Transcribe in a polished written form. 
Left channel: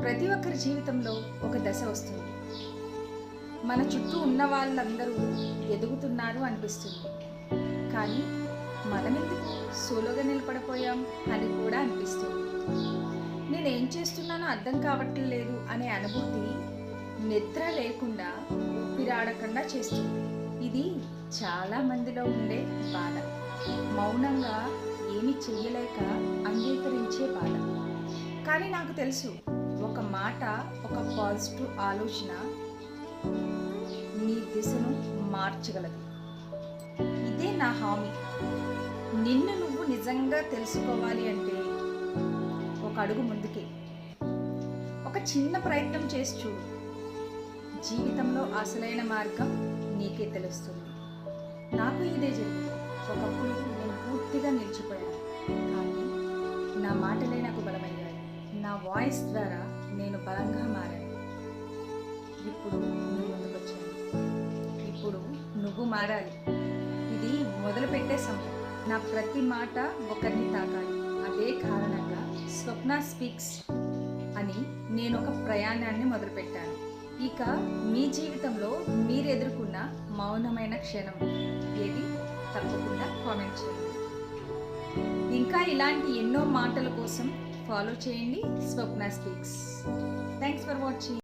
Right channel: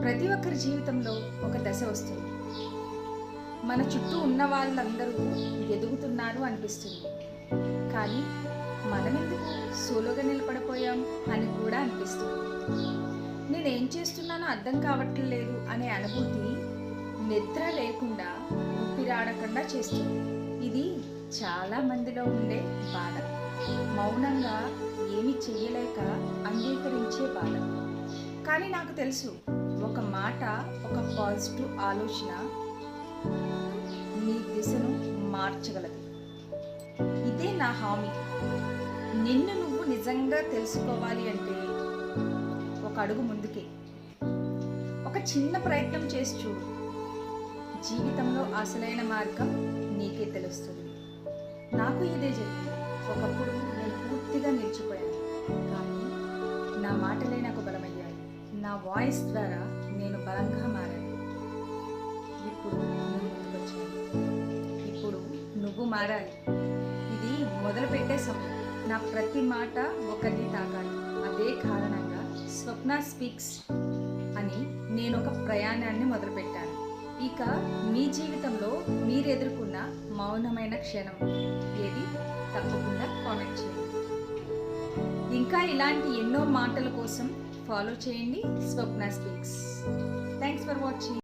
ప్రతి ఒక్కరి జీవితంలో ఒక దశ వస్తుంది. మన చుట్టూ ఉన్న వాళ్ళందరూ ఎదుగుతున్నారు అనిపిస్తుంది, కానీ మనమెందుకు సోలోగా నిలబడిపోయాం అని కూడా అనిపిస్తుంది. నేనేం చేస్తున్నానో అర్థం కావట్లేదు అనే అనుభూతి నిద్ర లేకుండా ఊపిరాడకుండా చేస్తుంది. ఇది చాలా మందిలో ఉండే బాధ, మౌనంగా ఏమీ చెయ్యలేక అంగీకరించే బాధ. కానీ నాకు తెలుసు, ఒక మాట, ఒక పాజిటివ్ ఆలోచన నీ దిశను మార్చగలదు. ఇదే నా హామీ. నిన్ను నువ్వు నిజంగా తెలుసుకోవాలి అంటే ఒక అడుగు ముందుకే, ఒక చిన్న ప్రయత్నం చేసి చూడు. జీవితంలో అసలైన మార్గం నీకే తెలుస్తుంది. నాకు ఇదే జరిగింది. ఒకప్పుడు నేను పూర్తిగా నిలిచిపోయాను, కానీ నా మాటలే నాకు బలమయ్యాయి. నా వాయిస్ ద్వారా నేను బలంగా మారాను. ఇప్పుడు నీ ముందుకొచ్చాను. ఇప్పుడు నువ్వు మారాలి. ఇది మొదలుపెట్టే సమయం. నా ప్రతి మాట ఒకరిని తాకాలి. అదే కారణంగా స్వప్న స్పీక్స్ అని నేను ఒక ప్రయాణాన్ని మొదలుపెట్టాను. ఇక మీ జీవితంలో మీరు ఎదుర్కొన్న మౌనమైన క్షణం ఏది? తప్పకుండా కామెంట్ చేయండి. ఇంకా ఇలాంటి ఎన్నో మాటల కోసం ఫాలో చేయండి స్వప్న స్పీక్స్. Thanks for watching.